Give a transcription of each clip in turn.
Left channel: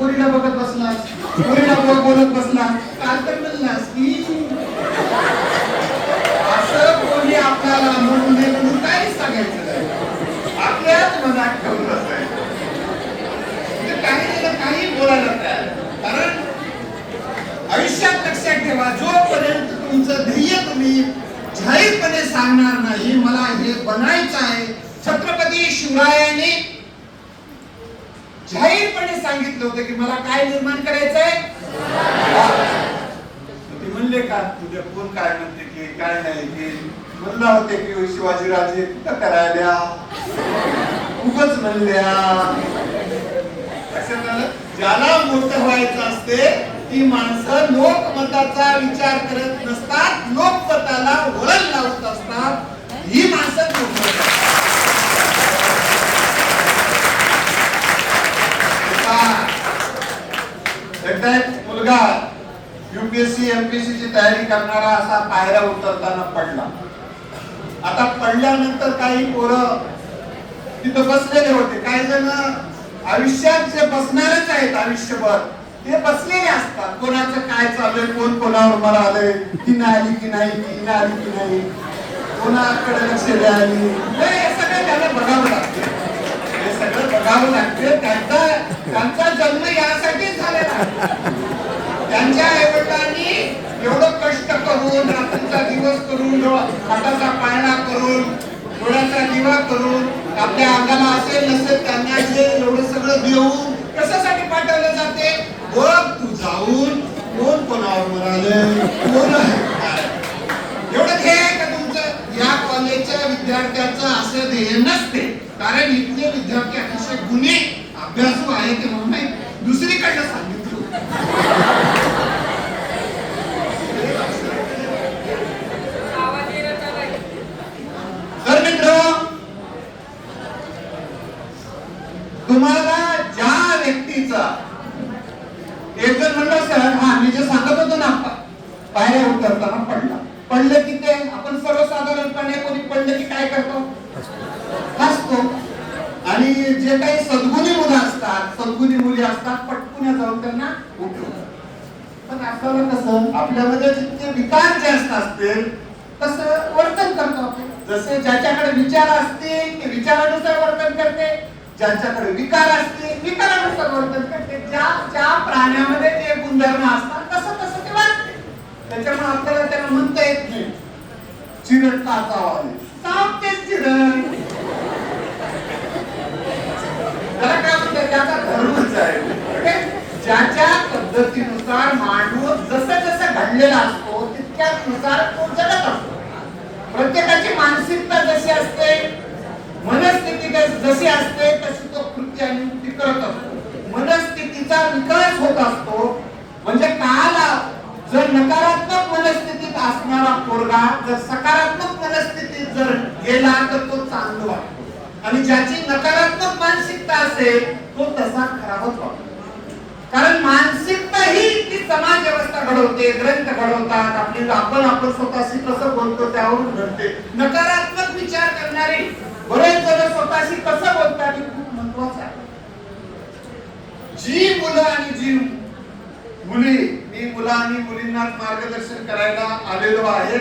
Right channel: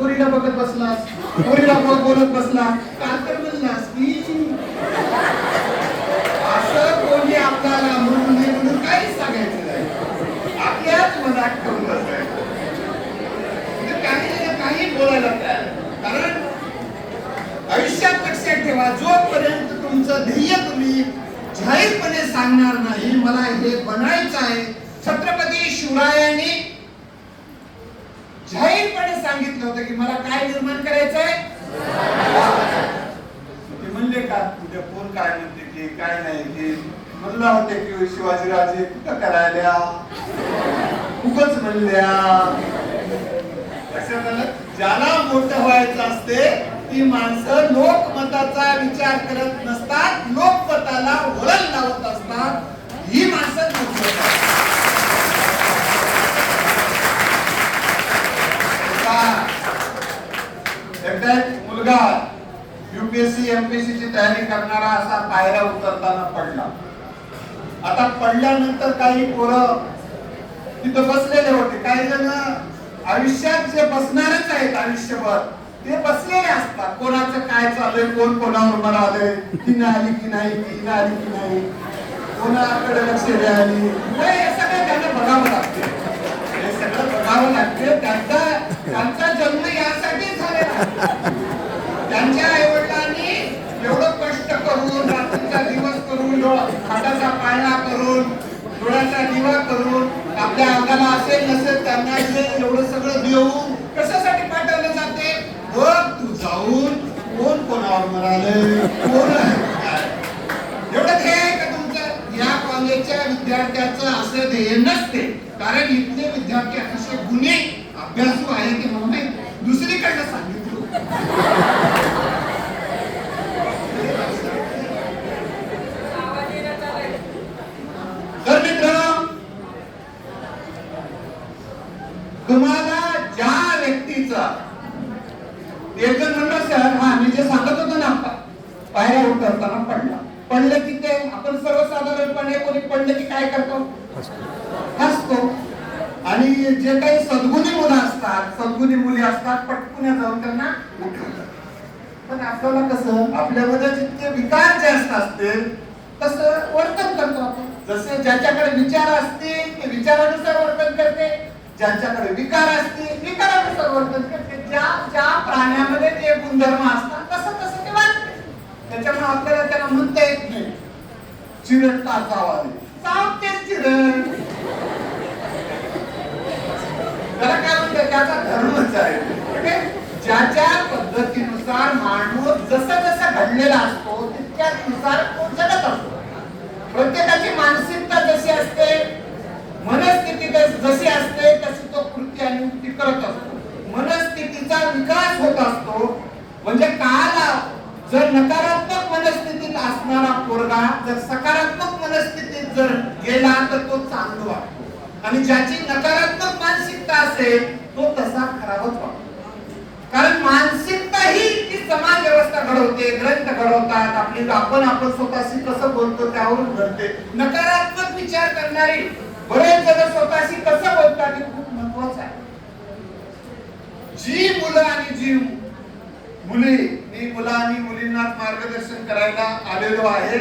पोरीला बघत बसलास? पोरीला बोल- बोलत बसला काल तर म्हणलास की? असं कोणी आपल्याला म्हणून नाही म्हणून काहीच सांगायचं नाही. आपल्याच मनात ठेवून बसायचं. म्हणजे काही त्याला काही बोलायला तयार. कारण आयुष्यात लक्षात ठेवा जोपर्यंत तुमचं ध्येय तुम्ही जाहीरपणे सांगणार नाही मला हे बनायचं आहे छत्रपती शिवरायांनी जाहीरपणे सांगितलं होतं की मला काय निर्माण करायचंय? ते म्हणले का तुझ्या कोण काय म्हणते की काय नाही की म्हणला होते की शिवाजीराजे कुठं करायला खूपच म्हणल्या. लक्षात आलं? ज्याला मोठं व्हायचं असते ती माणसं लोकमताचा विचार करत नसतात लोकमताला वळण लावत असतात ही माणसं मोठी होतात. आता एकदा एक मुलगा युपीएससी एमपीएससी ची तयारी करणारा असा पायऱ्या उतरताना पडला. आता पडल्यानंतर काही पोरं तिथं बसलेले होते. काही जण आयुष्यात जे बसणारच आहेत आयुष्यभर ते बसलेले असतात. कोणाचं काय चाललंय कोण कोणावर मरालय ती नाही आली की नाही ती नाही आली की नाही कोणाकडे लक्ष द्यायली नाही, हे सगळं त्यांना बघावं लागते. हे सगळं बघावं लागते. त्यांचा त्यांचा जन्म यासाठी झालेला त्यांच्या एवढं कष्ट करून रात्रीचा दिवस करून डोळा- हाताचा पाळणा करून डोळ्याचा दिवा करून आपल्या अंगाला असेल नसेल त्यांना असेल एवढं सगळं देऊन कशासाठी पाठवलं जाते? मग तू जाऊन कोण कोणावर म्हणाले कोण एवढं ध्येय आहे का तुमचं? या कॉलेजच्या विद्यार्थ्याचं असं ध्येय नसते. कारण इथले विद्यार्थी अतिशय गुन्हे अभ्यासू आहे ते म्हणून नाही दुसरीकडनं सांगितलं तर मित्र तुम्हाला ज्या व्यक्तीचा एक जण म्हणलं सर हा मी जे सांगत होतो ना पा- पायऱ्या उतरताना पडला पडलं की ते आपण सर्वसाधारणपणे कोणी पडलं की काय करतो हसतो आणि जे काही सद्गुणी मुलं असतात सद्गुणी मुली असतात पटकून जाऊन त्यांना उठवतात पण आपल्याला कसं आपल्यामध्ये जितके विकार जास्त असतील तसं वर्तन करतो आपण. जसे ज्याच्याकडे विचार असते ते विचारानुसार वर्तन करते. ज्यांच्याकडे विकार असते विकारानुसार वर्तन करते. ज्या ज्या प्राण्यामध्ये ते गुणधर्म असतात तसं तसं ते वाटते त्याच्यामुळे आपल्याला त्याला म्हणता येत नाही. चिरट का चावाले साप तेच चिरट त्याला काय म्हणतात? त्याचा धर्मच आहे. ज्याच्या पद्धतीनुसार माणूस जसं जसं घडलेला असतो तितक्यानुसार तो जगत असतो. प्रत्येकाची मानसिकता जशी असते मनस्थिती जशी असते तशी तो कृती आणि युक्ती करत असतो. मनस्थितीचा विकास होत असतो. म्हणजे काल जर नकारात्मक मनस्थितीत असणारा पोरगा जर सकारात्मक मनस्थितीत जर गेला तर तो चांगला वाटतो. आणि ज्याची नकारात्मक मानसिकता असेल तो तसा खराबच वाटतो. कारण मानसिकता ही ती समाज व्यवस्था घडवते ग्रंथ घडवतात आपली आपण आपण स्वतःशी कसं बोलतो त्यावरून घडते. नकारात्मक विचार करणारी बरेच जण स्वतःशी कसं बोलतात हे खूप महत्वाचं आहे. जी मुलं आणि जी मुली मी मुलं आणि मुलींना मार्गदर्शन करायला आलेलो आहे.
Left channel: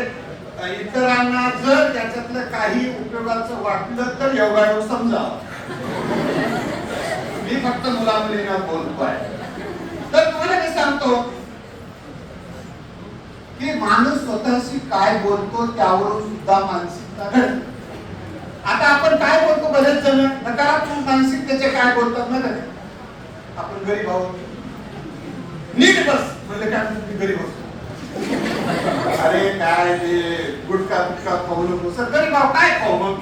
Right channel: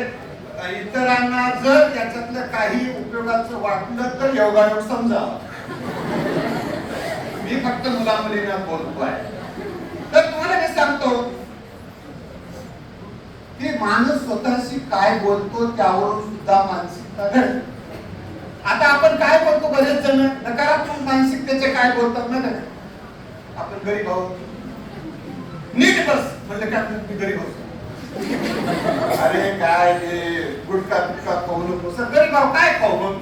इतरांना जर याच्यातलं काही उपयोगाचं वाटलं तर योगायोग समजा. मी फक्त मुला मुलींना बोलतो आहे तर तुम्हाला मी सांगतो? की माणूस स्वतःशी काय बोलतो त्यावरून सुद्धा मानसिकता घडते आता आपण काय बोलतो बरेच जण नकारात्मक मानसिकतेचे काय बोलतात ना घरी? आपण गरीब आहोत. नीट बस. म्हणलं काय मी गरीब असतो अरे काय ते गुटका गुटखा खाऊ नको सर गरीब आहो काय खाऊ मग?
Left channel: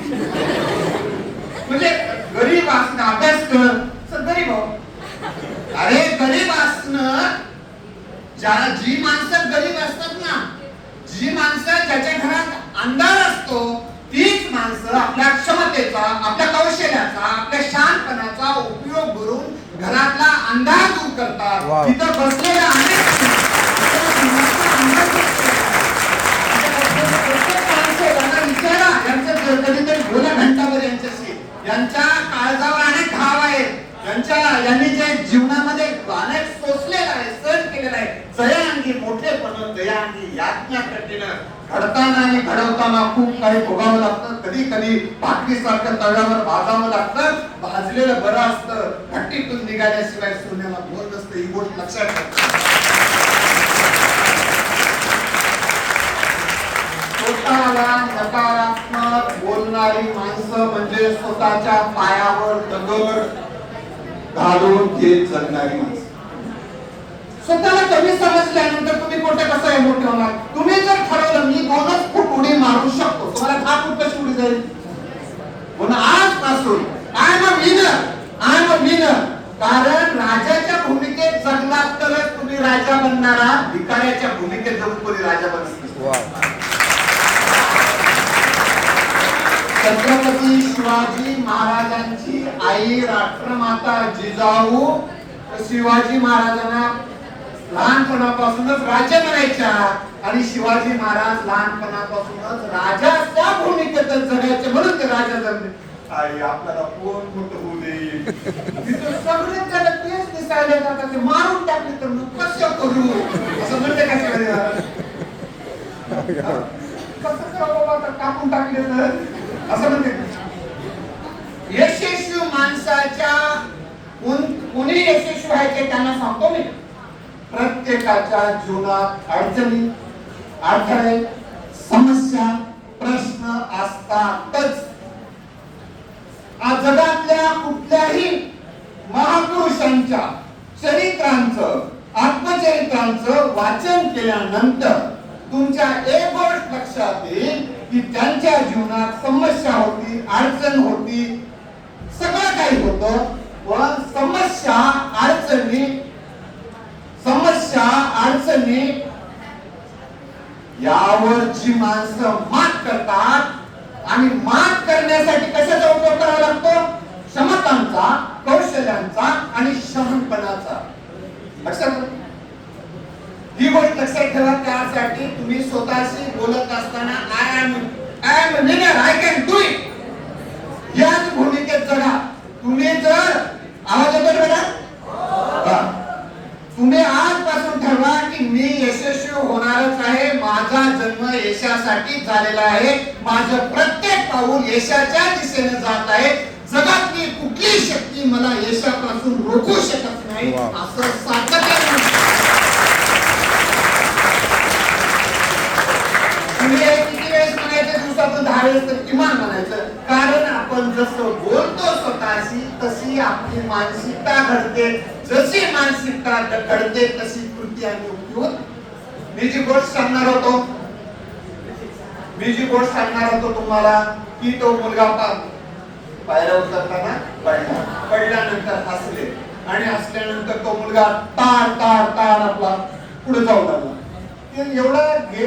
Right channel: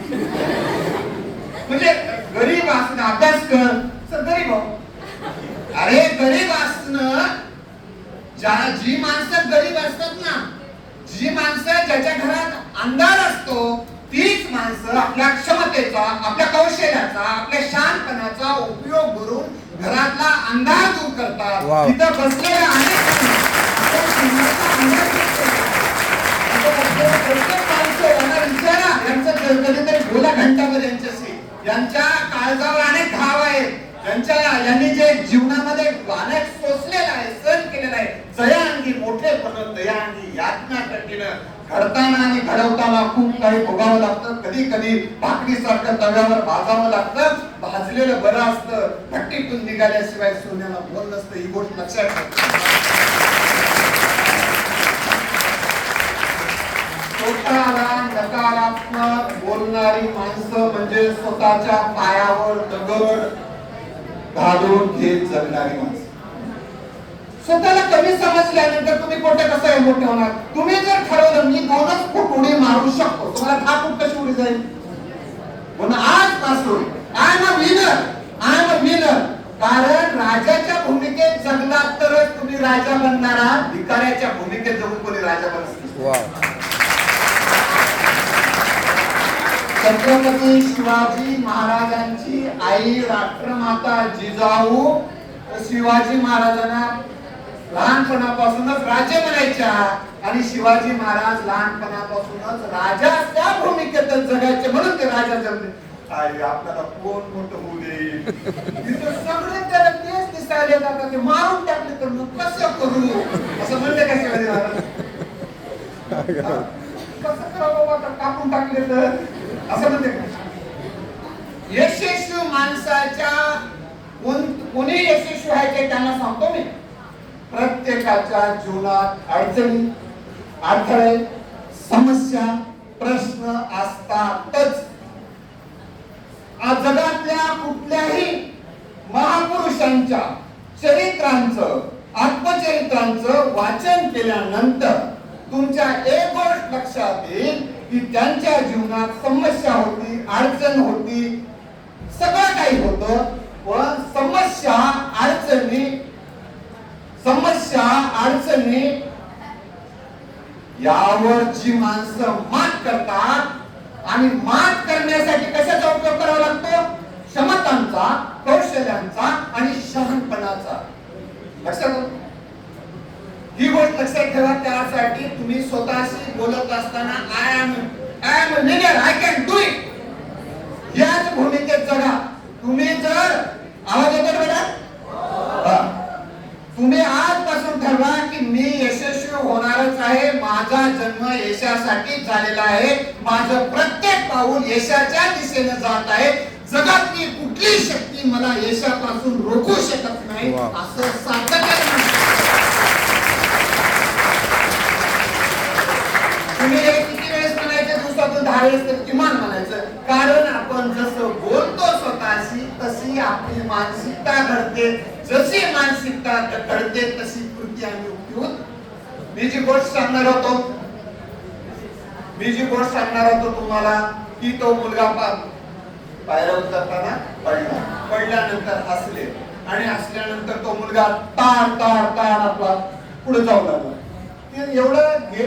म्हणजे गरीब असणं अभ्यास कर सर गरीब आहो अरे गरीब असणं ज्या जी माणसं गरीब असतात ना जी माणसं ज्याच्या घरात अंधार असतो तीच माणसं आपल्या क्षमतेचा आपल्या कौशल्याचा आपल्या शांतपणाचा उपयोग करून घरातला अंधार दूर करतात. तिथं बसलेल्या अनेक कधीतरी घंटाभर यांच्याशी. यांच्या काळजावर अनेक घाव आहेत. यांच्या यांनी जे जीवनामध्ये अनेक सोसलेलं आहे सहन केलेलं आहे जयांगी मोठेपण दयांगी यातना कठीण घडताना आणि घडवताना खूप काही भोगावं लागतं. कधी कधी भाकरीसारखं तव्यावर भाजावं लागतं. भाजलेलं बरं असतं. भट्टीतून निघाल्याशिवाय सोन्याला बोल नसतं. ही गोष्ट लक्षात स्वतःला नकारात्मक बोलणारी माणसं म्हणजे स्वतःच्या पायावर दगड घालून घेत जगणारी माणसं. स्वतःला कमी समजल्यानंतर तुम्ही कोठे कसं मोठे होणार तुम्ही जर ठरवलं मी दोनच फूट उडी मारू शकतो. तुम्हाला दहा फूट कशी उडी जाईल? म्हणून आजपासून I am a winner I am a winner कारण राजाच्या भूमिकेत जगलात तरच तुम्ही राजा बनणारा भिकाऱ्याच्या भूमिकेत जगून कोणी राजा बनत नाही. वाव छत्रपती शिवाजी महाराजांची आई राष्ट्रमाता जिजाऊ शिवाजी महाराजांना लहानपणापासूनच राजा बनायच्या आणि शिवाजी महाराज लहानपणापासूनच राजा त्या भूमिकेतच जगायचे म्हणून ते राजा जगले आई आपल्याला कोण मोठं होऊ देईल? सगळे त्याला तेच दिसायला येतात ते मारून टाकले तर मग कसं करू? असं म्हणते कशा कसं करावं कापून टाकले तर? असं म्हणते. यशस्वी माणसाच्या कुणी यशस्वी आहे ते त्यांना सांगतो मी. प्रत्येकाच्या जीवनात अडचणी अडथळे समस्या प्रश्न असतातच. जगातल्या कुठल्याही महापुरुषांच्या चरित्रांचं आत्मचरित्रांचं वाचन केल्यानंतर तुमच्या एक गोष्ट लक्षात येईल की त्यांच्या जीवनात समस्या होती अडचण होती सगळं काही होत पण समस्या अडचणी समस्या अडचणी यावर जी माणसं मात करतात आणि मात करण्यासाठी कशाचा उपयोग करावा लागतो? क्षमतांचा कौशल्यांचा आणि शहाणपणाचा. लक्षात ही गोष्ट लक्षात ठेवा त्यासाठी तुम्ही स्वतःशी बोलत असताना I am I am winner I can do it याच भूमिकेत जगा तुम्ही जर आवाज येतो बेटा. तुम्ही आजपासून ठरवा की मी यशस्वी होणारच आहे माझा जन्म यशासाठी झालेला आहे माझं प्रत्येक पाऊल यशाच्या दिशेने जात आहे. जगातली कुठली शक्ती मला यशापासून रोखू शकत नाही. असं सातत्याने तुम्ही किती वेळेस म्हणायचं दिवसातून दहा वेळेस तर किमान म्हणायचं. कारण आपण जसं बोलतो स्वतःशी तशी आपली मानसिकता घडते. जशी मानसिकता घडते तशी कृती आम्ही उपयोग मी जी गोष्ट सांगणार होतो मी जी गोष्ट सांगणार होतो तुम्हाला की तो मुलगा पायऱ्या उतरताना पडला. पडल्यानंतर हसले. आणि हसल्यानंतर तो मुलगा तार तार तार आपला पुढे जाऊ लागला. एवढं घे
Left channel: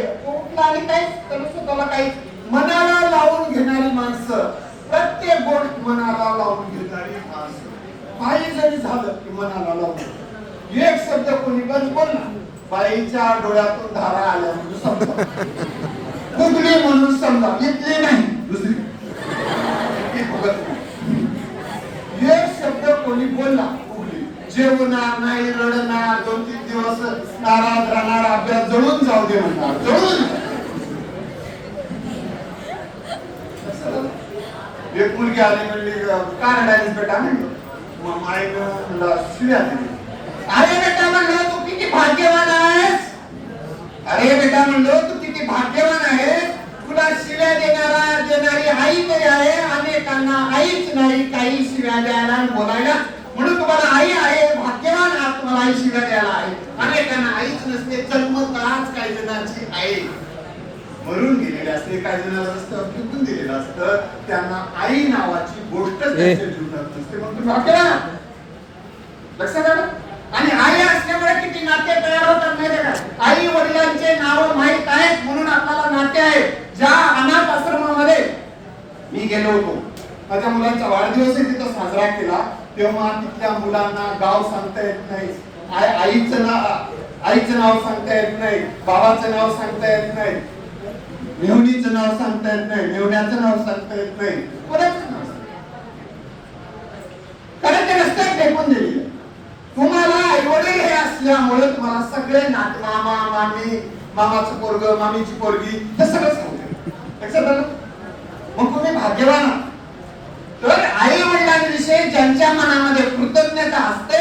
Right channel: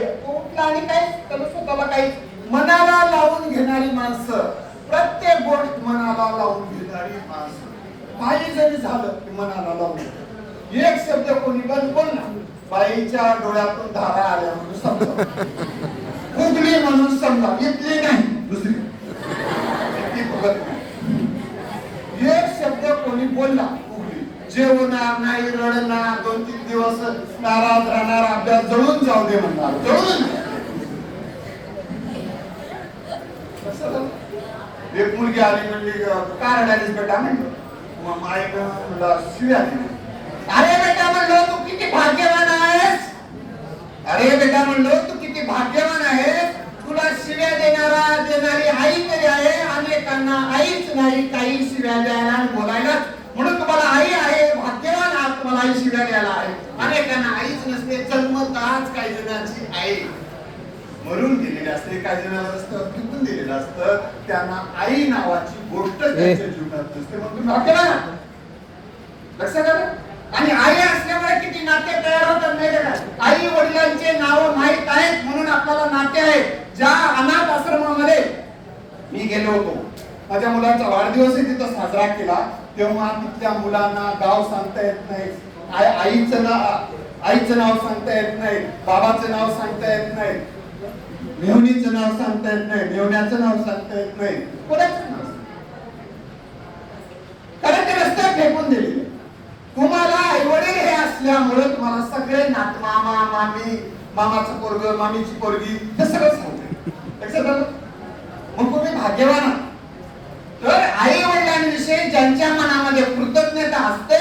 आणि काय त्याला स्वतःला काही मनाला लावून घेणारी माणसं प्रत्येक गोष्ट मनाला लावून घेणारी माणसं. काही जरी झालं की मनाला लावून एक शब्द कोणी पण बोलला बाईच्या डोळ्यातून धारा आल्या म्हणून समजा. फुगली म्हणून समजा इथली नाही दुसरी. एक शब्द कोणी बोलला जेवणार नाही रडणार दोन तीन दिवस नाराज राहणार अभ्यास जळून जाऊ दे म्हणणार. जळून. एक मुलगी आली म्हणली का रडालीस बेटा? म्हणलं मग माईनं म्हणलं शिव्या अरे बेटा म्हणलो तू किती भाग्यवान आहेस. अरे बेटा म्हणलो तू किती भाग्यवान आहेस. तुला शिव्या देणारा देणारी आई तरी आहे. अनेकांना आईच नाही काही शिव्या द्यायला बोलायला म्हणून तुम्हाला आई आहे भाग्यवान आहात तुम्हाला आई शिव्या द्यायला आहे. अनेकांना आईच नसते जन्मताच काही जणांची आई मरून गेलेले असते काही जण रस्त्यावर फेकून दिलेलं असतं. त्यांना आई नावाची गोष्ट त्यांच्या जीवनात नसते म्हणून तुम्ही भाग्यवान आहात. लक्षात आलं? आणि आई असल्यामुळे किती नाते तयार होतात माहिती का? आई वडिलांचे नाव माहीत आहेत म्हणून आपल्याला नाते आहेत. ज्या अनाथ आश्रमामध्ये मी गेलो होतो. माझ्या मुलांचा वाढदिवस तिथं साजरा केला. तेव्हा तिथल्या मुलांना गाव सांगता येत नाही. आई आईचं नाव आईचं नाव सांगता येत नाही. बाबाचं नाव सांगता येत नाही. मेहुणीचं नाव सांगता येत नाही. मेहुण्याचं नाव सांगता येत नाही. कोणाचं नाव कारण ते रस्त्यात फेकून दिली. तुम्हाला आईवडील हे असल्यामुळे तुम्हाला सगळे नात मामा मामी मामाचं पोरग मामीची पोरगी हे सगळंच सांगते. लक्षात आलं? मग तुम्ही भाग्यवान आहात. तर आई वडिलांविषयी ज्यांच्या मनामध्ये कृतज्ञता असते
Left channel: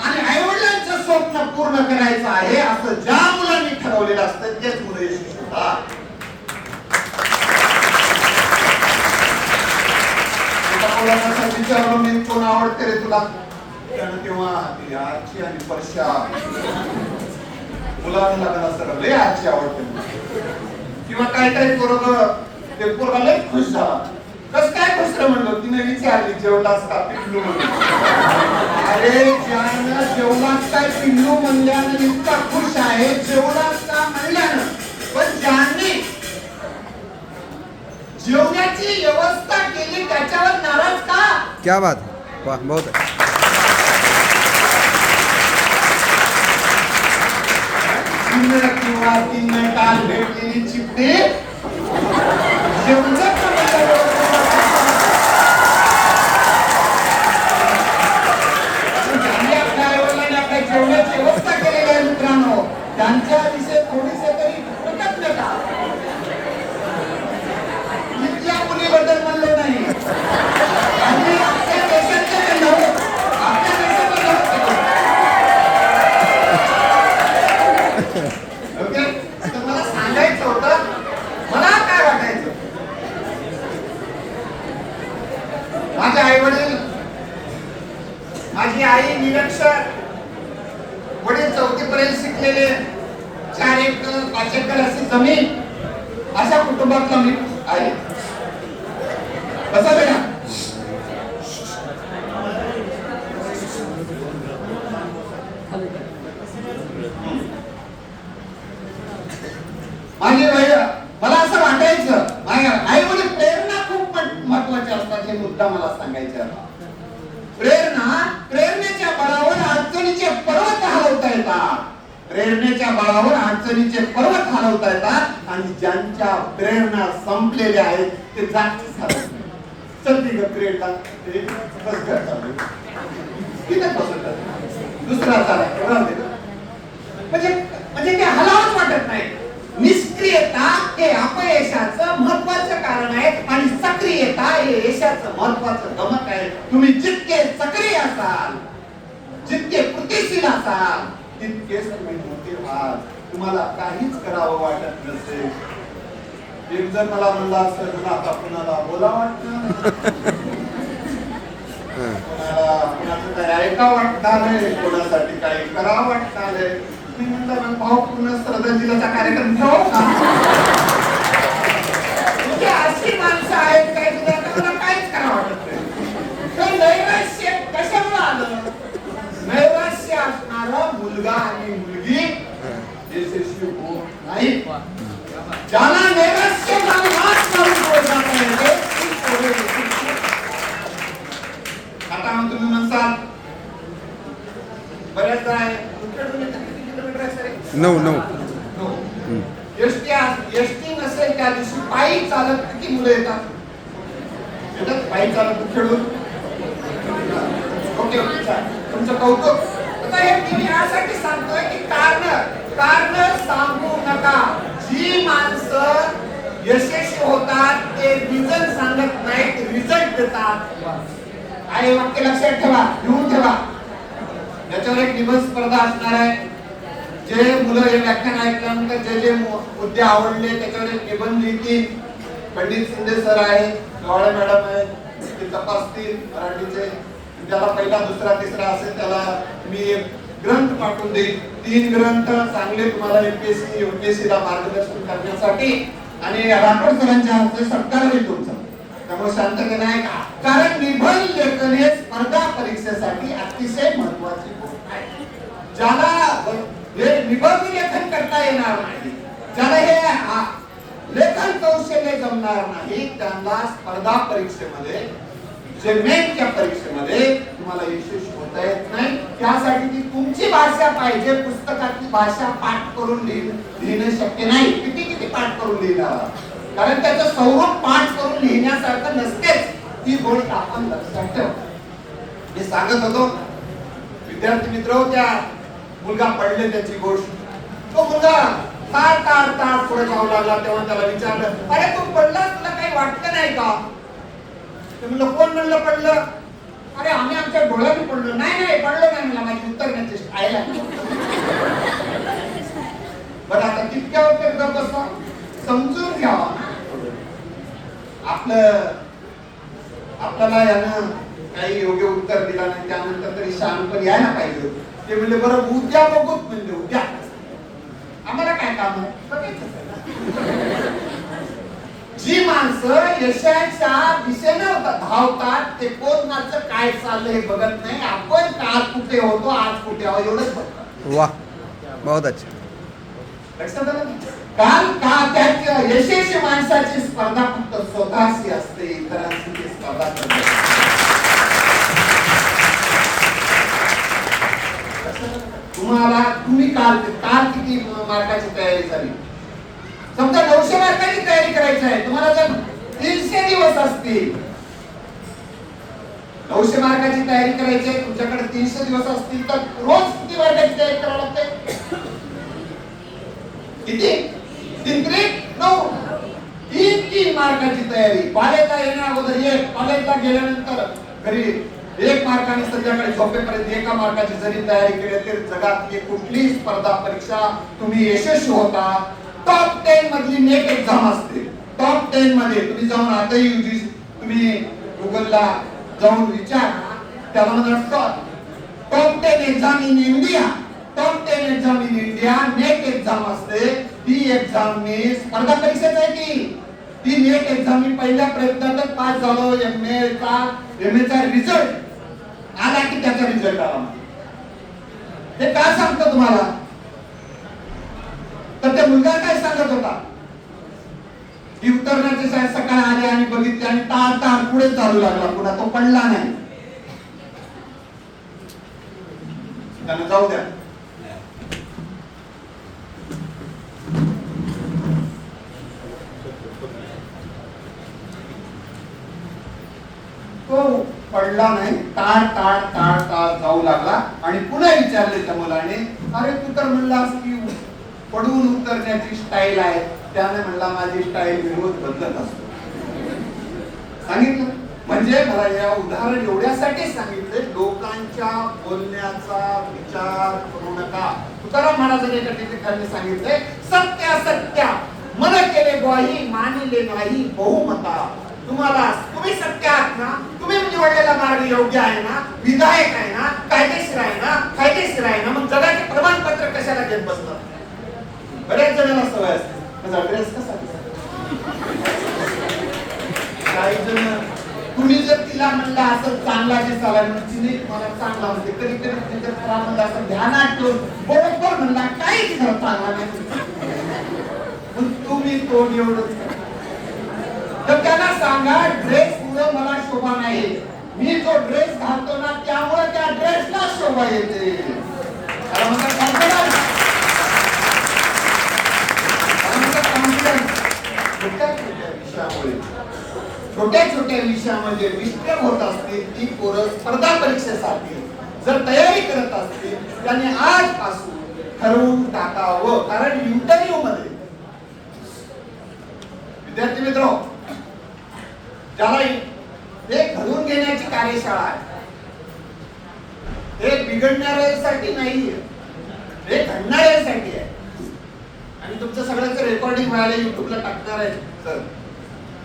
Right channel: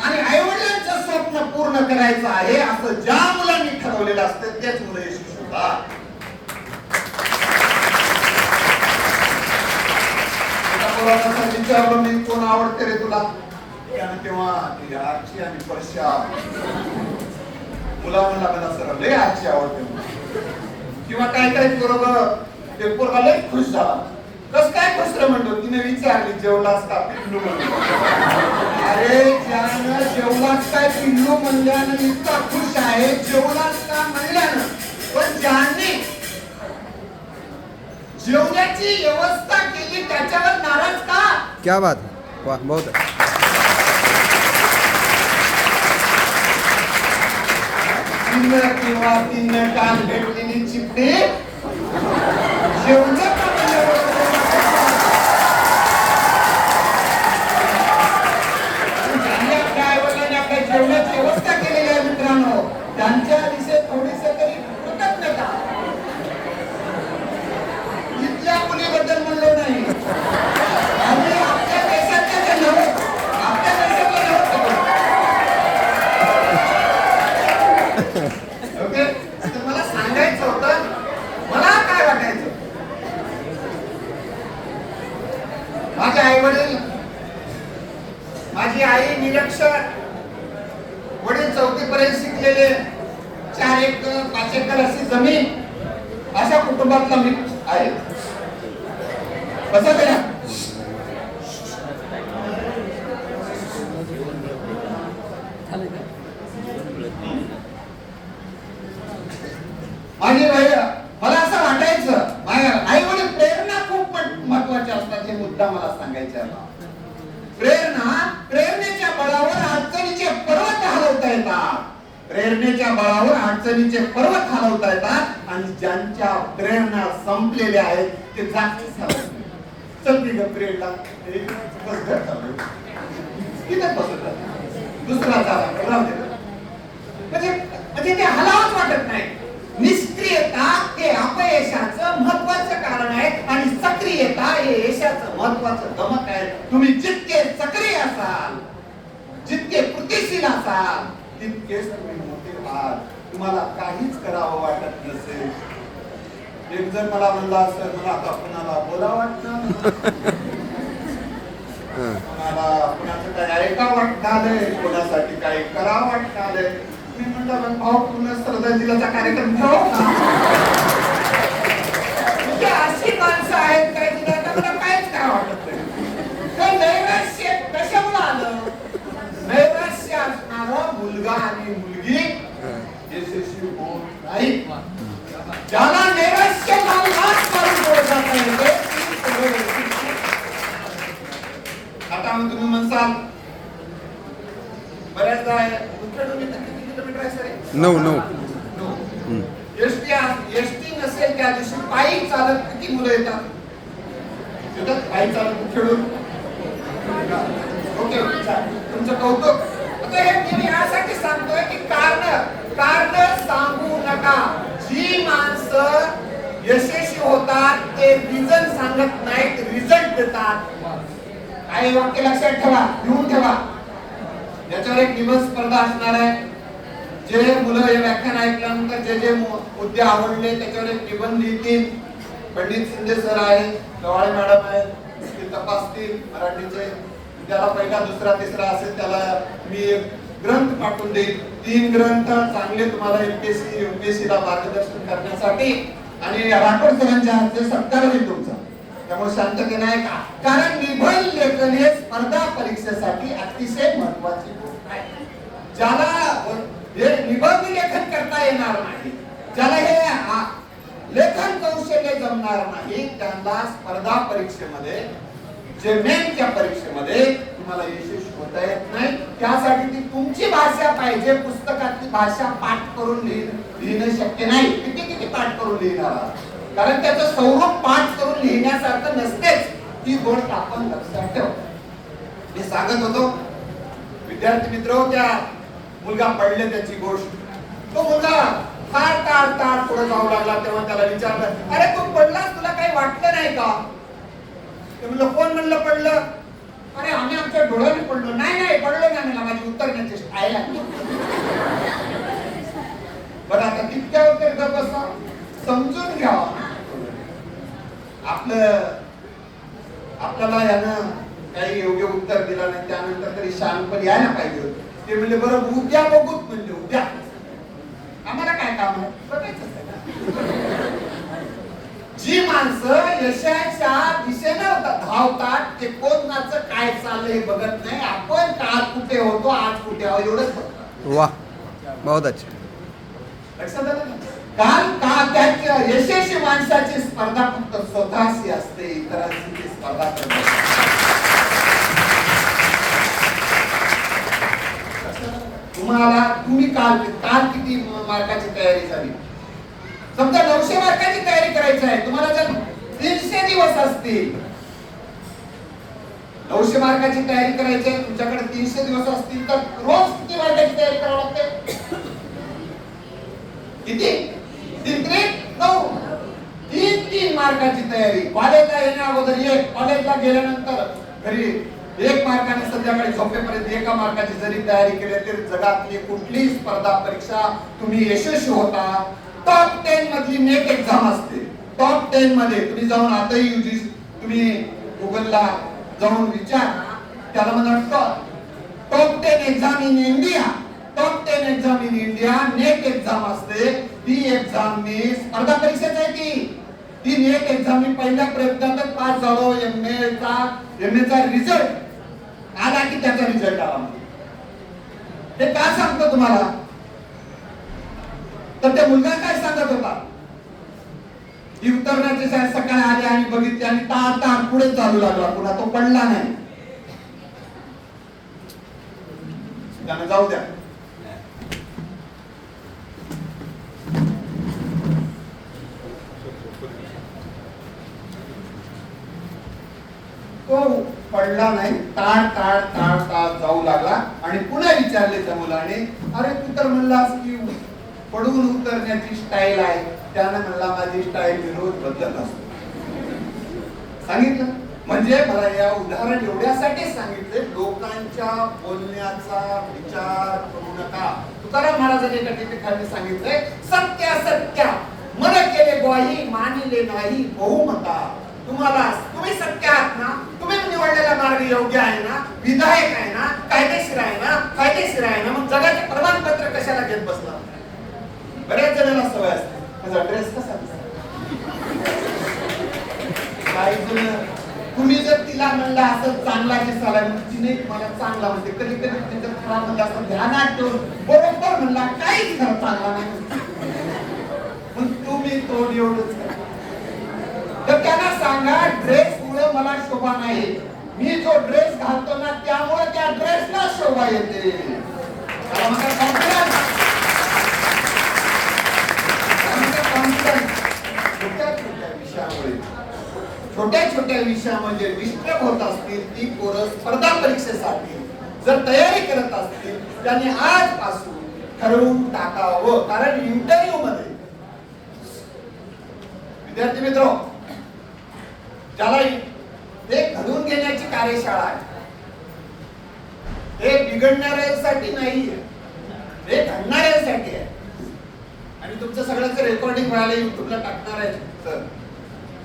आणि आई वडिलांचं स्वप्न पूर्ण करायचं आहे असं ज्या मुलांनी ठरवलेलं असतं तेच मुलं यशस्वी होतात एका विचारलं मी कोण आवडते रे तुला? त्यानं तेव्हा ती आजी आणि परशा मुलानं लागलं असं लय आजी आवडते. किंवा काय काय पोरग ते पोरगा लय खुश झाला. कस काय रे म्हणलो? तिने विचारली जेवलास का पिल्लू म्हणलो अरे ज्यानं जेवलास काय पिल्लू म्हणल्यानं इतका खुश आहे जेवलास का म्हणल्यानं पण ज्याने जेवण्याची व्यवस्था केली त्याच्यावर नाराज का? क्या बात है. वाह बहुत है. किंवा तीन काल भेटलेली चिपटे जेवणात का म्हणलं? ज्यांनी आपल्या आईवडिलांनी आपल्या जेवणाची व्यवस्था केलेली आहे मित्रांनो त्यांच्या विषयी थोडीसे तरी कृतज्ञता इथल्या मुलीबद्दल म्हणलो नाही आम्ही आपल्या देशातले ते नव्हतो आपल्या देशातले नव्हतो ओके तर मला सांगायचं होतं मला काय वाटायचं माझे आई वडील माझी आई निरक्षर वडील चौथी पर्यंत शिकलेले चार एकर पाच एकर अशी जमीन अशा कुटुंबातला मी आहे कसं बेटा माझी वय मला असं वाटायचं माझ्या आई वडील प्रेरणा खूप मह- महत्त्वाच्या असतात हे मुद्दा मला सांगायचे प्रेरणा प्रेरणेच्या बळावर अडचणीचे पर्वत हलवता येतात. प्रेरणेच्या बळावर अडचणीचे पर्वत हलवता येतात आणि ज्यांच्या प्रेरणा संपलेल्या आहेत ते जागतीच हलवत चलती ग प्रेरणा. बस घर चाललंय. तिथे बसत दुसरा चाला म्हणजे म्हणजे ते हलावत वाटत नाही. निष्क्रियता हे अपयशाचं महत्वाचं कारण आहे आणि सक्रियता हे यशाचं महत्वाचं गमक आहे. तुम्ही जितके सक्रिय असाल जितके कृतिशील असाल तुम्ही मोठे व्हाल. तुम्हाला काहीच करावं वाटत नसेल. एक जर मला म्हणला असं तुला आता कुणाला बोला वाटतं? कोणाला कोणाचं काही ऐका वाटणारे कोणासाठी काही करा वाटणारे मी श्रद्धांजलीचा कार्यक्रम ठेवू अशी माणसं आहेत काय मला काहीच करा वाटत. नाही नैराश्य कशामुळे आलं? नैराश्य असणारा मुलगा आणि मुलगी. यशस्वी होत नाही. ज्याला नैराश्य नाश करून पुढे जाता येते ती पोरं यशस्वी आता मग तुम्ही म्हणसाल बऱ्याचदा आहे, तुमच्याकडून इथं किती किलोमीटर आहे सर हे? नऊ नऊ. एसटी एसटी नसेल त्या दिवशी पायी चालत किती मुलं येतात? येतात पायी चालत खेळून. ओके तुमचं कौतुक. आता हे मी यासाठी सांगतोय की कारण कारण सांगू नका. जी माणसं यशस्वी होतात ते रिझन सांगत नाहीत रिझल्ट देतात. आणि वाक्य लक्षात ठेवा लिहून ठेवा. याच्यावर एक निबंध स्पर्धा असणार आहे. जे मुलं हे व्याख्यान ऐकल्यानंतर जे जे मुद्दे आवडले त्याच्याकडे निबंध लिहितील. पंडित शिंदे सर आहे गवाळे मॅडम आहे ते तपासतील. मराठीचे ज्याला पहिला दुसरा तिसरा असेल त्याला मी एक ग्रंथ पाठवून देईल. तीन ग्रंथ चांगले तुम्हाला एमपीएससी युपीएससी ला मार्गदर्शन करण्यासाठी आणि राठोड सरांच्या हस्ते सत्कार होईल तुमचा. त्यामुळे शांततेने ऐका कारण निबंध लेखन हे स्पर्धा परीक्षेसाठी अतिशय महत्वाची गोष्ट आहे. ज्याला निबंध लेखन करता येणार नाही. ज्याला हे लेखन कौशल्य जमणार नाही त्यांना स्पर्धा परीक्षेमध्ये जे मेनच्या परीक्षेमध्ये तुम्हाला यशस्वी होता येत नाही. त्यासाठी ती तुमची भाषा पाहिजे पुस्तकातली भाषा पाठ करून लिहिणं शक्य नाही. किती किती पाठ करून लिहिणार? कारण त्याचं स्वरूप पाठ करून लिहिण्यासारखं नसतेच. ती गोष्ट आपण लक्षात ठेव. मी सांगत होतो विद्यार्थी मित्र त्या मुलगा पडले त्याची गोष्ट. तो मुलगा तार तार तार पुढे जाऊ लागला. तेव्हा त्याला विचारलं अरे तू पडला तुला काही वाटलं नाही का? ते म्हणलं कोण म्हणलं पडलं? अरे आम्ही आमच्या डोळ्याने पडलो. नाही नाही पडलो नाही म्हणलं माझी उत्तर नाही आयला पण आता तितक्या उत्तर गप बसा. समजून घ्यावा आपलं आपल्याला यानं काही योग्य उत्तर दिला नाही. त्यानंतर तरी शहाणपण यायला पाहिजे होतं. ते म्हणले बरं उद्या बघूच म्हणजे उद्या. आम्हाला काय काम आहे? बघायचं. जी माणसं यशाच्या दिशेने धावतात ते कोणाचं काय चाललंय हे बघत नाही. आपण काल कुठे होतो आज कुठे आहोत एवढंच बघतो. वाह बहुत अच्छा? काल का त्याच्या यशस्वी माणसाची स्पर्धा फक्त स्वतःशी असते इतरांशी ती स्पर्धा करत नसते. लक्षात आलं? तुम्हाला तुम्ही काल काल किती मार्काची तयारी झाली? समजा नऊशे मार्काची तयारी करायची आहे तुम्हाला जर तीनशे दिवस असतील नऊशे मार्काची तयारी करायची आहे तुमच्याकडे तीनशे दिवस असतील तर रोज किती मार्काची तयारी करावी लागते? किती? तीन त्रिक नऊ? तीन तीन मार्काची तयारी. कॉलेजला येण्या अगोदर एक कॉलेजला गेल्यानंतर घरी एक मार्काने सध्याकडे झोपेपर्यंत एका मार्काची जरी तयारी केली तरी जगातली कुठली स्पर्धा परीक्षा तुम्ही यशस्वी होता. टॉप टेन मधली नेट एक्झाम असते. टॉप टेन मध्ये तुम्ही जाऊन आताही UGC तुम्ही गुगलला जाऊन विचार त्याला म्हणा top ten exam in India top ten exam in India net exam असते. ती एक्झाम मी स्पर्धा परीक्षेच आहे की? ती नेट एक्झाम मी पहिल्या प्रयत्नातच पास झालो. एम ए चा एम ए चा रिझल्ट आला की त्याचा रिझल्ट आला. ते का सांगतो तुम्हाला? तर ते मुलगा काय सांगत होता? ही उतरण्याची शाळेत सकाळी आली आणि बघितली आणि तार तार पुढे चालू लागला. पुन्हा तो पडला नाही. त्यानं जाऊ द्या. तो पडला नाही. ताळ ताळ ताळ ताळ जाऊ लागला आणि पुन्हा विचारले त्या मुलाने अरे तू तर म्हणलास की पडून उतरण्याची स्टाईल आहे. त्याने म्हणला माझी स्टाईल विरोध बदलत असतो. सांगितलं. म्हणजे मला या उदाहरण एवढ्यासाठी सांगितले लोकांच्या बोलण्याचा विचार करू नका. तुकाराम महाराजांनी एका ठिकाणी सांगितले सत्य सत्य मन केले ग्वाही मानिले नाही बहुमता. तुम्हाला तुम्ही सत्य आहात ना तुम्ही निवडलेला मार्ग योग्य आहे ना विधायक आहे ना कायदेशीर आहे ना फायदेशीर आहे ना मग जगाचे प्रमाणपत्र कशाला घेत बसला? बऱ्याच जणांना सवय असते. माझा ड्रेस कसा काही जण तुम्ही जर तिला म्हणलं असं चांगला दिसायला चालाय तिने तुम्हाला चांगला म्हणते. कधी कधी त्यांच्या तुम्हाला म्हणलं असं ध्यानात ठेवून बरोबर म्हणला काहीच चांगला नाही. तुम्ही तो एवढंच करा. तर त्यांना सांगा ड्रेस मुळे मला शोभा नाही. मी जो ड्रेस घालतो ना त्यामुळे त्या ड्रेसला शोभा येते. छोट्या छोट्या छोट्या छोट्या विषयामध्ये डिस्टर्ब होत असतील ती पोरं स्पर्धा परीक्षेसाठी जर तयारी करत असतील त्यांनी आजपासून ठरवून टाकावं. कारण इंटरव्ह्यू मध्ये विद्यार्थी मित्र त्याला ते घडून घेण्याची कार्यशाळा आहे. हे बिघडणाऱ्यासाठी नाहीये. हे घडणाऱ्यासाठी आहे. आणि तुमचं सगळ्यांचं रेकॉर्डिंग व्हायला युट्यूबला टाकणार आहे. तर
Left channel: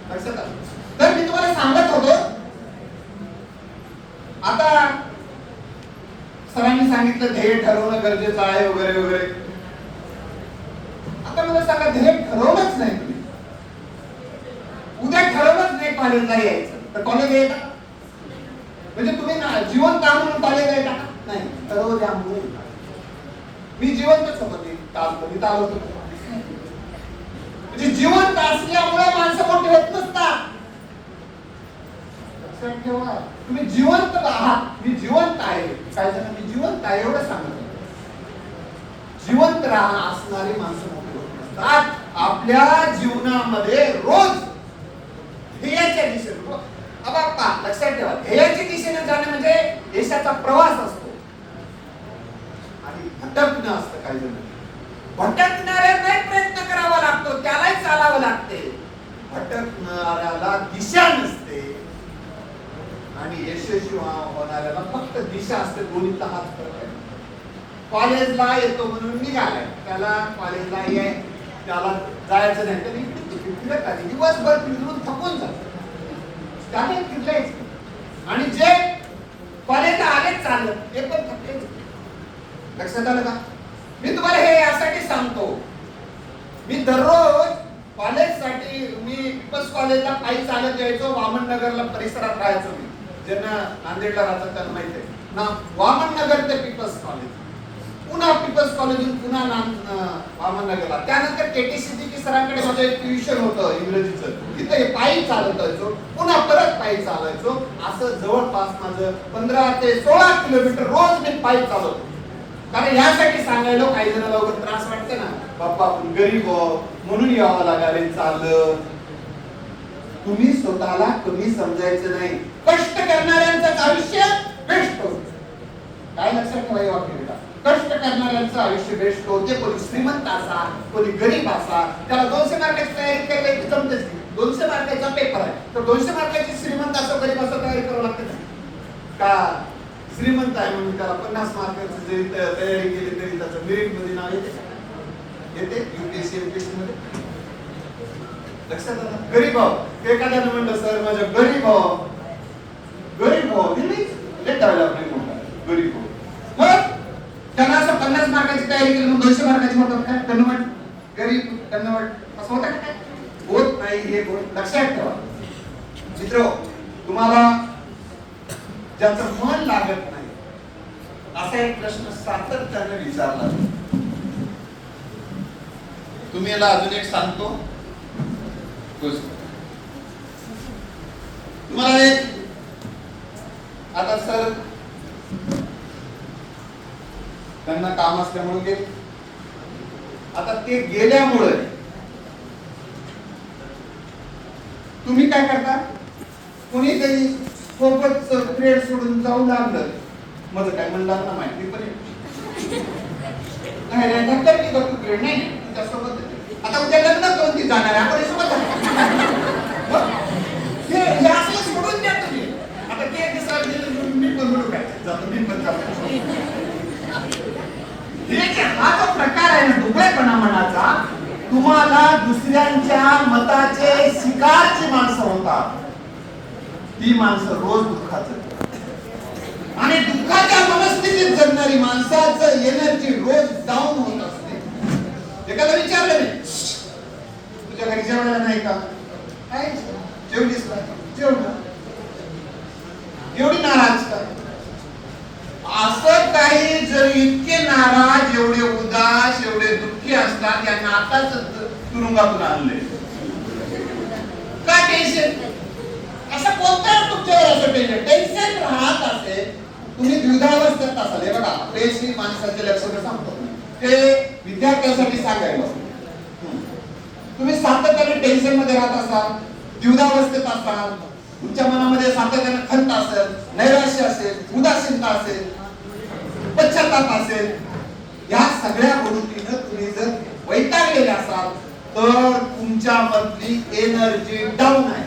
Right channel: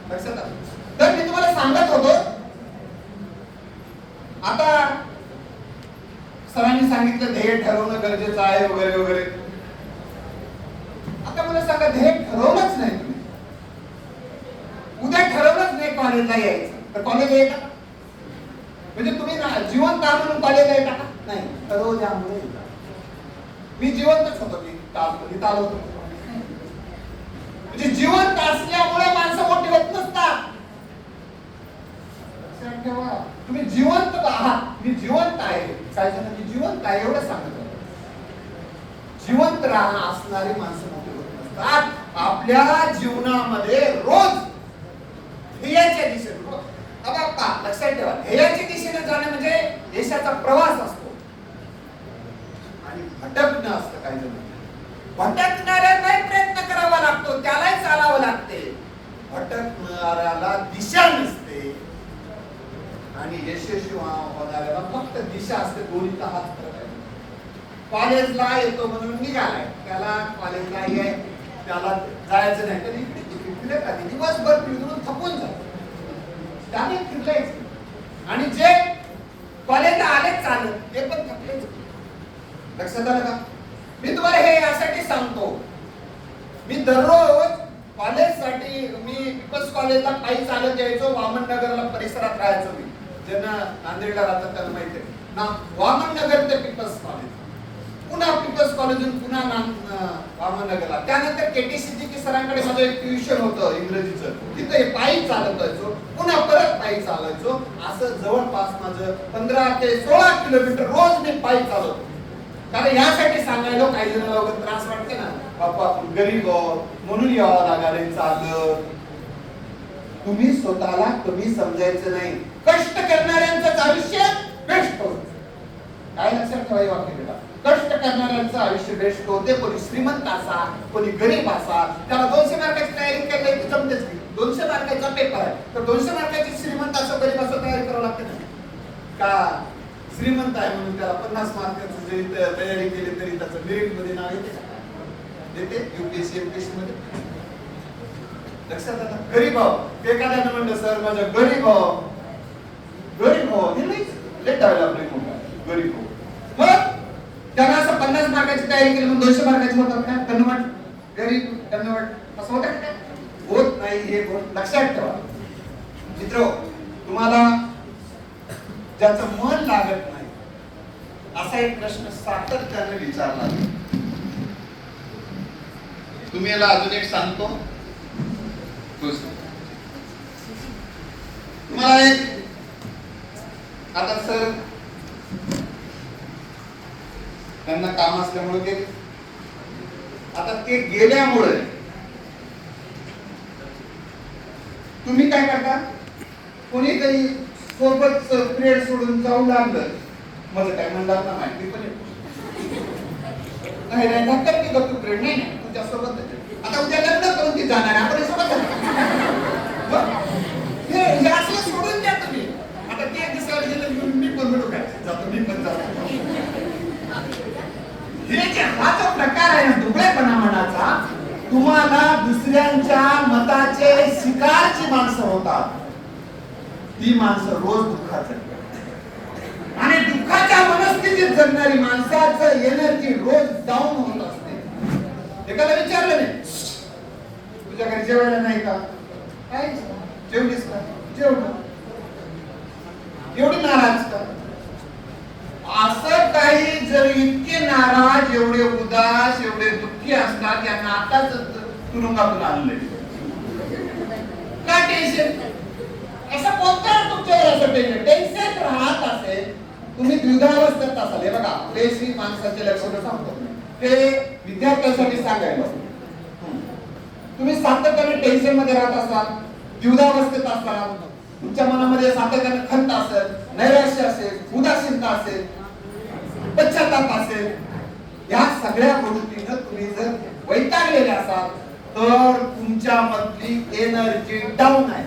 लक्षात आलं. तर मी तुम्हाला सांगत होतो. आता सरांनी सांगितलं ध्येय ठरवणं गरजेचं आहे वगैरे वगैरे. आता मला सांगा ध्येय ठरवलंच नाही तुम्ही उद्या ठरवलंच नाही कॉलेजला यायचं. तर कॉलेज येता म्हणजे तुम्ही ना जिवंत आहात म्हणून कॉलेजला येता का? नाही. ठरवू हो, द्या म्हणून मी जिवंतच होतो मी काल मी म्हणजे जिवंत असल्यामुळे माणसं मोठे होत नसतात. लक्षात ठेवा. तुम्ही जिवंत आहात. मी जिवंत आहे. काय जण मी जिवंत आहे एवढं सांगत जिवंत राहा असणारी माणसं मोठी होत नसतात. आपल्या जीवनामध्ये रोज ध्येयाच्या दिशेने. हो. अब लक्षात ठेवा. ध्येयाच्या दिशेने जाणं म्हणजे देशाचा प्रवास असतो. आणि भटकणं असतं काही जण भटकणाऱ्यालाही प्रयत्न करावा लागतो? त्यालाही चालावं लागते. भटकणाऱ्याला दिशा नसते. आणि यशस्वी होणाऱ्याला फक्त दिशा असते दोन्हीचा हात फरक आहे. कॉलेजला येतो म्हणून निघालाय. त्याला कॉलेजला ये त्याला जायचं नाही. तर इकडे तिकडे फिरत आली दिवसभर फिरून थकून जातो. त्याने फिरलायच आणि जे कॉलेजला आले चालत ते पण थकलेच लक्षात आलं का? मी तुम्हाला हे यासाठी सांगतो. मी दररोज कॉलेजसाठी मी पिपल्स कॉलेजला पायी चालत यायचो वामन नगरला परिसरात राहायचो मी. ज्यांना नांदेडला राहतात त्यांना माहिती आहे. ना वामन नगर ते पीपल्स कॉलेज पुन्हा पीपल्स कॉलेजून पुन्हा नाम- गेला वामन त्यानंतर केटीसीजी सरांकडे माझं एक ट्युशन होतं इंग्रजीचं. तिथं हे पायी चालत जायचो पुन्हा परत पायी चालायचो असं जवळपास माझं पंधरा ते सोळा किलोमीटर रोज मी पायी चालवतो. कारण यासाठी सांगायला काही जणांना वगैरे त्रास वाटते ना. बाप्पा आपण गरीब म्हणून यावं लागाले चालत तुम्ही स्वतःला कमी समजायचं नाही. कष्ट करणाऱ्यांचं आयुष्य बेस्ट होत. काय लक्षात ठेवायला हे बेटा कष्ट करणाऱ्यांचं आयुष्य बेस्ट होते. कोणी श्रीमंत असा कोणी गरीब असा. त्याला दोनशे मार्काची तयारी केली की जमतेच दोनशे मार्काचा पेपर आहे. तर दोनशे मार्काची श्रीमंत असं गरीब असं तयारी करावं लागते का? श्रीमंत आहे म्हणून त्याला पन्नास मार्काची जरी तयारी केली तरी त्याचं मेरिटमध्ये नाव येते का? येते? युपीएससी एमपीएससी मध्ये? लक्षात आता गरीब आहो. एखाद्यानं म्हणलं सर माझ्या गरीब आहो. गरीब आहो. हे नाही लेट डेव्हलपमेंट गरीब आहो. पन्नास मार्काची तयारी केली मग दोनशे मार्काची होतात काय? कन्वर्ट गरीब कन्वर्ट असं होतं काय? होत नाही हे गोष्ट लक्षात ठेवा. मित्र तुम्हाला ज्याचं मन लागत नाही असा एक प्रश्न सातत्याने विचारला. तुम्ही याला अजून एक सांगतो. तुम्हाला एक आता सर त्यांना काम असल्यामुळे ते आता ते गेल्यामुळे तुम्ही काय करता? कोणीतरी सोबत पिरियड सोडून जाऊ लागलं. माझं काय म्हणलं ना माहिती पण नाही नाही धक्का की गप्पू पिरियड नाही नाही तुझ्या सोबत आता उद्या लग्न करून ती जाणार आहे. आपण हे सोबत आहे. मग हे हे असलं सोडून द्या तुम्ही आता ते एक दिवसाला गेलं म्हणून मी पण म्हणू काय जातो मी पण जातो हे जे हा जो प्रकार आहे ना दुबळेपणा मनाचा तुम्हाला दुसऱ्यांच्या मताचे शिकारची माणसं होतात ती माणसं रोज दुःखात जगतात. आणि दुःखाच्या मनस्थितीत जगणारी माणसाचं एनर्जी रोज डाऊन होत असते एखादा विचारलं नाही तुझ्या घरी जेवायला नाही का काय जेवलीस का जेवण एवढी नाराज का असं काही जर इतके नाराज एवढे उदास एवढे दुःखी असतात यांना आताच तुरुंगातून आणले काय टेन्शन असं कोणत्याच तुमच्यावर असं टेन्शन टेन्शन राहत असेल तुम्ही द्विधावस्थेत असाल. हे बघा पेशी माणसाचे लक्षण सांगतो. ते विद्यार्थ्यांसाठी सांगायला तुम्ही सातत्याने टेन्शनमध्ये राहत असाल द्विधावस्थेत असाल तुमच्या मनामध्ये सातत्याने खंत असेल नैराश्य असेल उदासीनता असेल पश्चाताप असेल या सगळ्या गोष्टीनं तुम्ही जर वैतागलेले असाल तर तुमच्या मधली एनर्जी डाऊन आहे.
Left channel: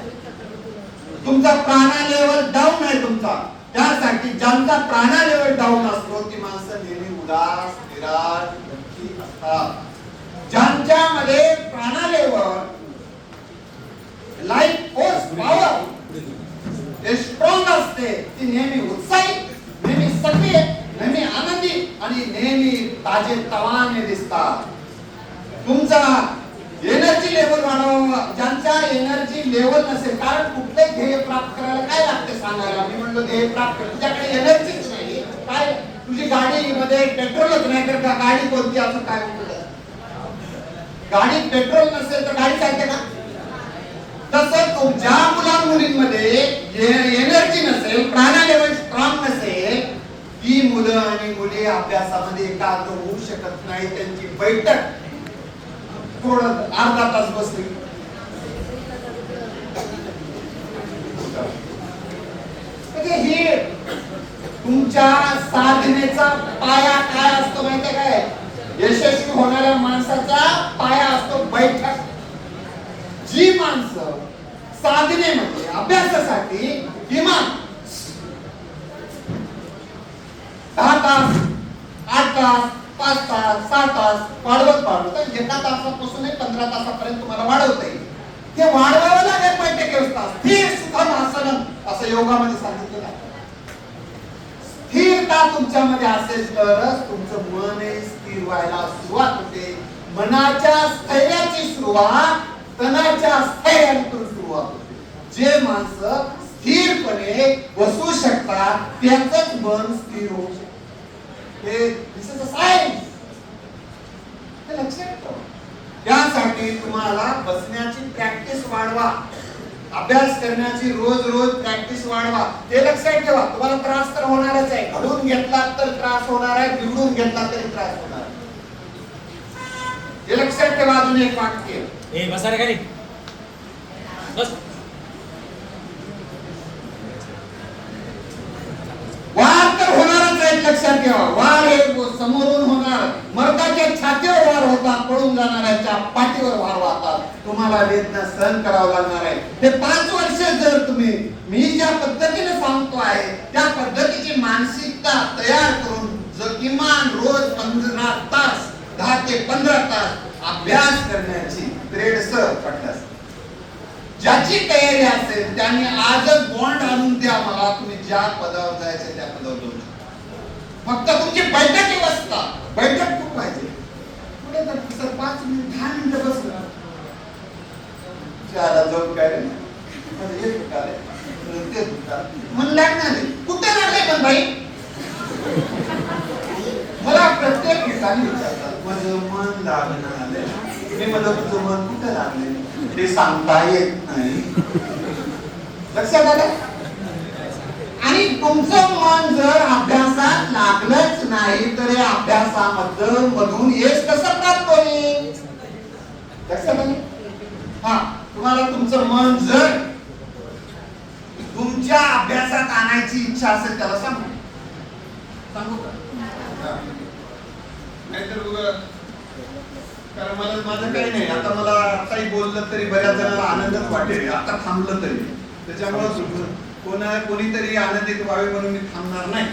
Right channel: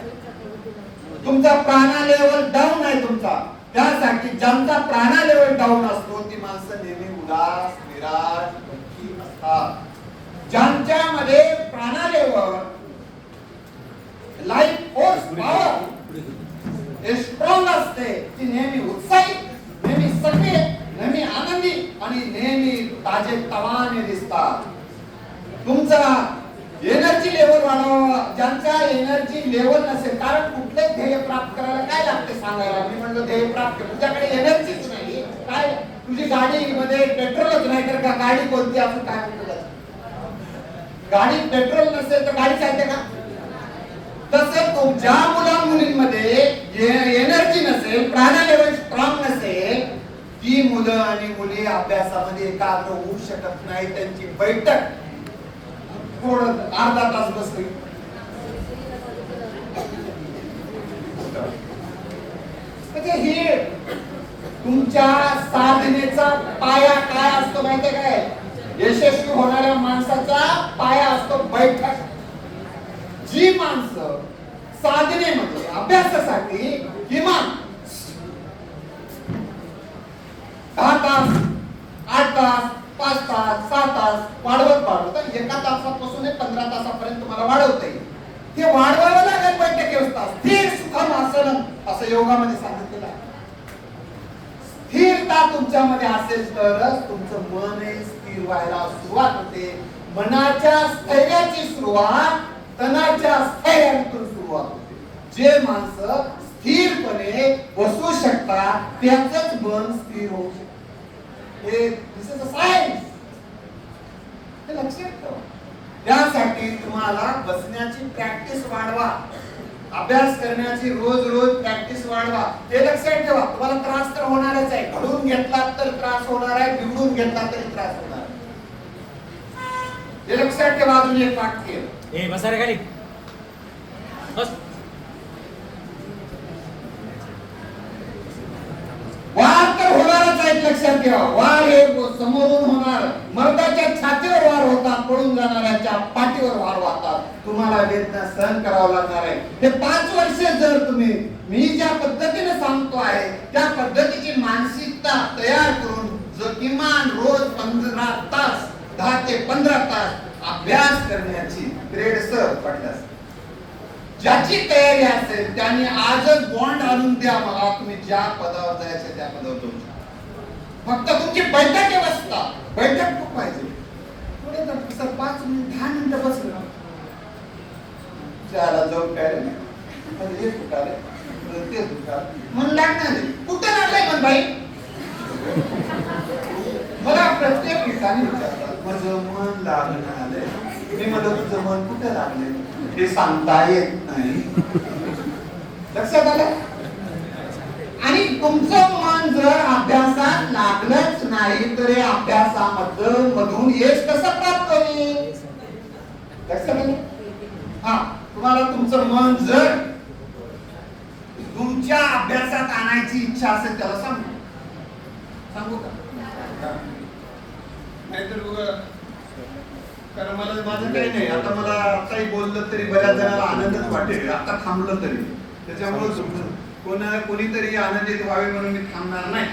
तुमचा प्राणा लेवल डाऊन आहे तुमचा. त्यासाठी ज्यांचा प्राणालेवर डाऊन असतो ती माणसं नेहमी उदास निराश दुःखी असतात. ज्यांच्यामध्ये प्राणालेवर लाईफ फोर्स पॉवर हे स्ट्रॉंग असते ती नेहमी उत्साही नेहमी सक्रिय नेहमी आनंदी आणि नेहमी ताजे तवाने दिसतात. तुमचा एनर्जी लेवल वाढवा ज्यांचा एनर्जी लेवल नसेल कारण कुठलंही ध्येय प्राप्त करायला काय लागते सांगायला? मी म्हणतो ध्येय प्राप्त कर तुझ्याकडे एनर्जीच नाही. काय? तुझी गाडीमध्ये पेट्रोलच नाही तर का गाडी कोणती? असं काय म्हणत गाडी पेट्रोल नसेल तर गाडी चालते का? तसं तुमच्या मुला मुलींमध्ये एनर्जी नसेल प्राणा लेवल स्ट्रॉंग नसेल ती मुलं आणि मुली अभ्यासामध्ये एकाग्र होऊ शकत नाही. त्यांची बैठक थोडं अर्धा तास बसली म्हणजे हे तुमच्या साधनेचा पाया काय असतो माहितीये काय? यशस्वी होणाऱ्या माणसाचा पाया असतो बैठक. जी माणसं साधनेमध्ये म्हणजे अभ्यासासाठी किमान दहा तास आठ तास पाच तास सहा तास पाच एका तासापासून पंधरा तासापर्यंत तुम्हाला वाढवता येईल. ते वाढवावं लागेल बैठक व्यवस्था स्थिर सुखम आसन असं योगामध्ये सांगितलेलं आहे. स्थिरता तुमच्यामध्ये असेल तरच तुमचं मन स्थिर व्हायला सुरुवात होते. मनाच्या स्थैर्याची सुरुवात तणाच्या स्थैर्यातून सुरुवात होते. जे माणसं स्थिरपणे बसू शकतात त्याच मन स्थिर होऊ शकते. हे दिस इज अ सायन्स हे लक्षात ठेवा. त्यासाठी तुम्हाला बसण्याची प्रॅक्टिस वाढवा. अभ्यास करण्याची रोज रोज प्रॅक्टिस वाढवा. ते लक्षात ठेवा. तुम्हाला त्रास तर होणारच आहे. घडून घेतला तर त्रास होणार आहे. बिघडून घेतला तरी त्रास होणार आहे. हे लक्षात ठेवा अजून एक वाक्य. बस बसा रे खाली बस वाढ तर होणारच आहे लक्षात ठेवा वार हे समोरून होणार. मर्दाच्या छातीवर वार होतात पळून जाणाऱ्याच्या पाठीवर वार वाहतात तुम्हाला वेदना सहन करावं लागणार आहे. हे पाच वर्ष जर तुम्ही मी ज्या पद्धतीने सांगतो आहे त्या पद्धतीची मानसिकता तयार करून जो किमान रोज पंधरा तास दहा ते पंधरा तास अभ्यास करण्याची ग्रेड सर पडतात ज्याची तयारी असेल त्यांनी आजच बॉन्ड आणून द्या. मला तुम्ही ज्या पदावर जायचं त्या पदावर जाऊ फक्त तुमची बैठक व्यवस्था बैठक खूप पाहिजे. पुढे तर सर पाच मिनिट दहा मिनिटं बसलं. जाऊन काय? हे दुकान ते दुकान. मन लागणार कुठं लागलंय पण बाई? मला प्रत्येक ठिकाणी विचारतात माझं मन लागणं आलंय मी म्हणलं तुझं मन कुठं लागलंय? ते सांगता येत नाही. लक्षात आलं? आणि तुमचं मन जर लागलंच नाही तर अभ्यासामध्ये अभ्यासामधलं मधून यश कसं प्राप्त होईल? म्हणजे? हा तुम्हाला तुमचं मन जर तुमच्या अभ्यासात आणायची इच्छा असेल त्याला सांगू. सांगू का? नाहीतर बघा, कारण मला माझं काही नाही. आता मला काही बोललं तरी बऱ्याच जणांना आनंदच वाटेल. आता थांबलं तरी. त्याच्यामुळे कोणा कोणीतरी आनंदित व्हावे म्हणून मी थांबणार नाही.